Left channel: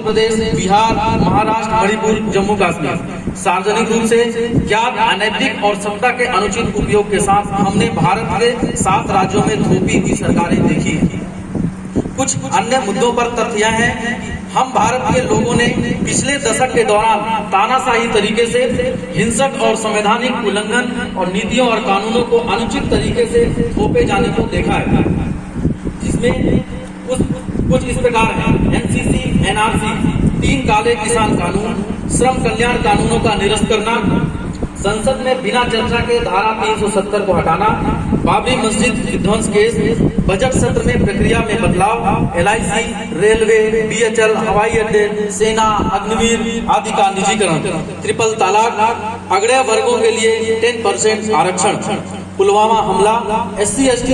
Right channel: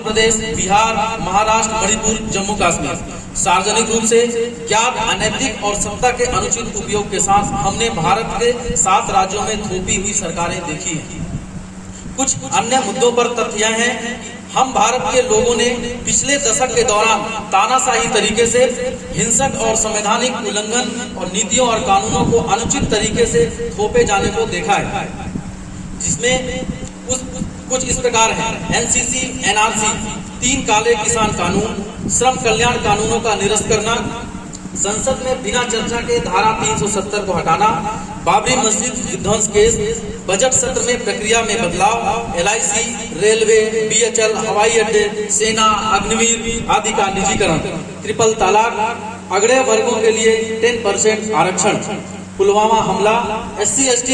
मध्य प्रदेश, बिहार, महाराष्ट्र, मणिपुर, जम्मू कश्मीर सार्वजनिक रूप से ज्ञात अनैतिक और सत्ता के अनुचित उपयोग के साथ हमने भारत के 7 राज्यों में थोपी हुई सरकारें देखी हैं। कुछ अन्य मुद्दों पर तथ्य हैं। हम भारत के लोगों ने पिछले दशक के दौरान तानाशाही तरीके से हिंसक और संवैधानिक उल्लंघन और नीतियों और कानूनों को अनुचित तरीके से थोपे जाने को देखा है, जिसमें कुछ इस प्रकार है: एनसीसी, एनआरसी, 3 काले किसान कानून, श्रम कल्याण कानूनों का निरस्त करना, संसद में बिना चर्चा के धारा 370 को हटाना, बाबरी मस्जिद विध्वंस केस, बजट सत्र में प्रक्रिया में बदलाव, LIC, रेलवे, BHL, हवाई अड्डे, सेना, अग्निवीर आदि का निजीकरण, ट्रिपल तलाक, अगड़े वर्गों के लिए 10% आरक्षण, पुलवामा हमला, SC/ST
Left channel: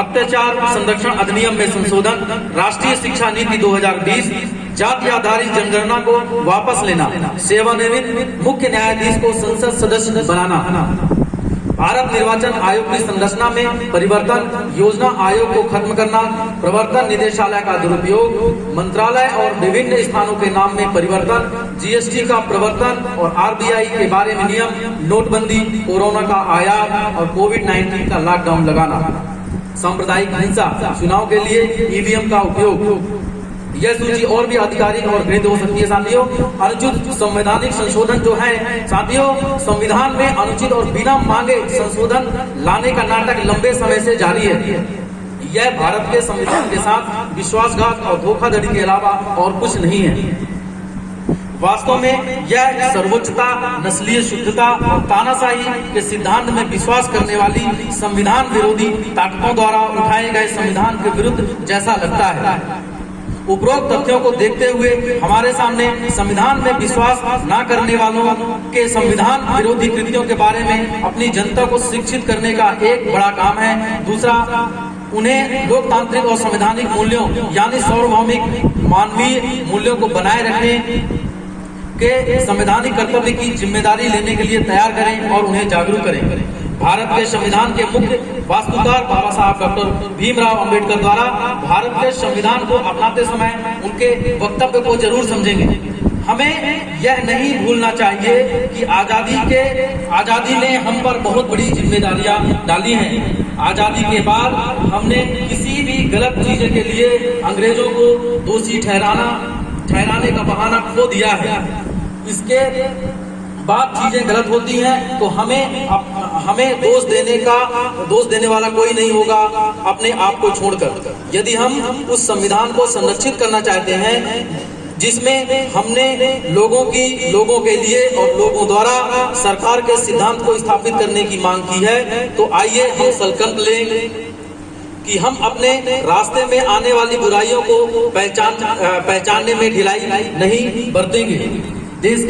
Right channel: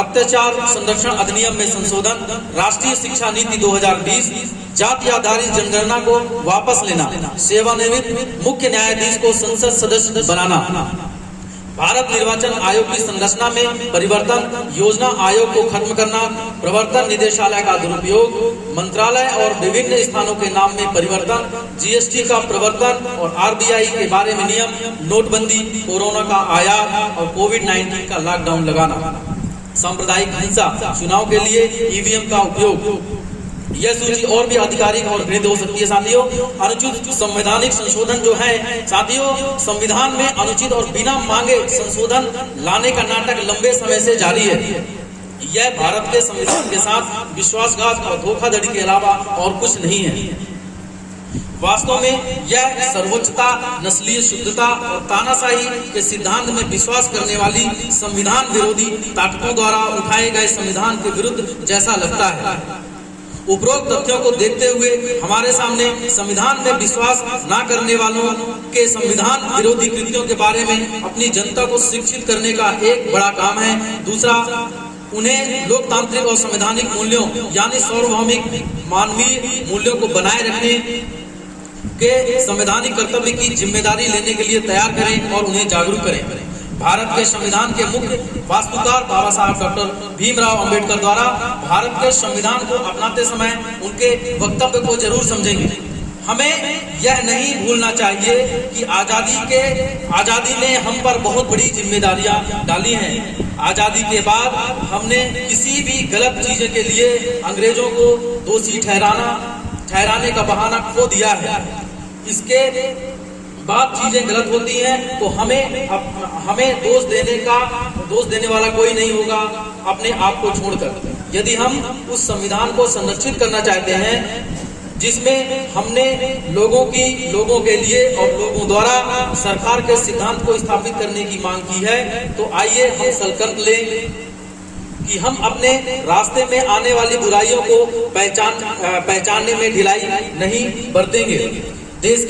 अत्याचार संरक्षण अधिनियम में संशोधन, राष्ट्रीय शिक्षा नीति 2020, जाति आधारित जनगणना को वापस लेना, सेवानिवृत्त मुख्य न्यायाधीश को संसद सदस्य बनाना, भारत निर्वाचन आयोग की संरचना में परिवर्तन, योजना आयोग को खत्म करना, प्रवर्तन निदेशालय का दुरुपयोग, मंत्रालय और विभिन्न स्थानों के नाम में परिवर्तन, GST का प्रवर्तन और RBI के बारे में नियम, नोटबंदी, कोरोना का आयात और कोविड-19 का लॉकडाउन लगाना, सांप्रदायिक हिंसा, चुनाव के लिए EVM का उपयोग। यह सूची और भी आधिकारिक और भेद हो सकती है साथियों। अनुचित संवैधानिक संशोधन जो है साथियों, संविधान में अनुचित और बिना मांगे संशोधन लाने का नाटक लंबे समय से जारी है। यह भारत के संविधान के साथ विश्वासघात और धोखाधड़ी के अलावा और कुछ नहीं है। वास्तव में यह सर्वोच्चता, नस्लीय शुद्धता और तानाशाही के सिद्धांत में विश्वास करने वाली संविधान विरोधी ताकतों द्वारा उठाए गए संविधान के विरुद्ध जैसा लगता है। उपरोक्त तथ्यों को देखते हुए हमारे सामने संविधान में विश्वास न करने वालों के संविधान विरोधी कृत्यों के बारे में अपनी जनता को शिक्षित करने का एक बड़ा काम है। दूसरा, उन्हें लोकतांत्रिक और संवैधानिक मूल्यों यानी सार्वभौमिक मानवीय मूल्यों को बनाए रखने के संवैधानिक कर्तव्य की जिम्मेदारी लेने के लिए तैयार करें और उन्हें जागरूक करें। भारत के संविधान के मुख्य वास्तुकार बाबा साहब डॉक्टर भीमराव अंबेडकर द्वारा भारत के संविधान को अपनाते समय उनके वक्तव्य को जरूर समझेंगे। हमें यह नहीं भूलना चाहिए कि आजादी ने हम पर बहुत बड़ी जिम्मेदारियां डाली हैं। आजादी के बाद हमने किसी भी गलत चीज के लिए अंग्रेजों को दोषी ठहराने का बहाना खो दिया है। इसके बाद चीजें गलत होती हैं तो हमें दोष देने वाला कोई नहीं होगा अपने आप को छोड़कर। यदि हम उस संविधान को संरक्षित करना चाहते हैं जिसमें हमने लोगों के लिए और लोगों द्वारा सरकार के सिद्धांत को स्थापित करने की मांग की है, तो आइए हम संकल्प लें कि हम अपने रास्ते में आने वाली बुराइयों को पहचानने में ढिलाई नहीं बरतेंगे। देश की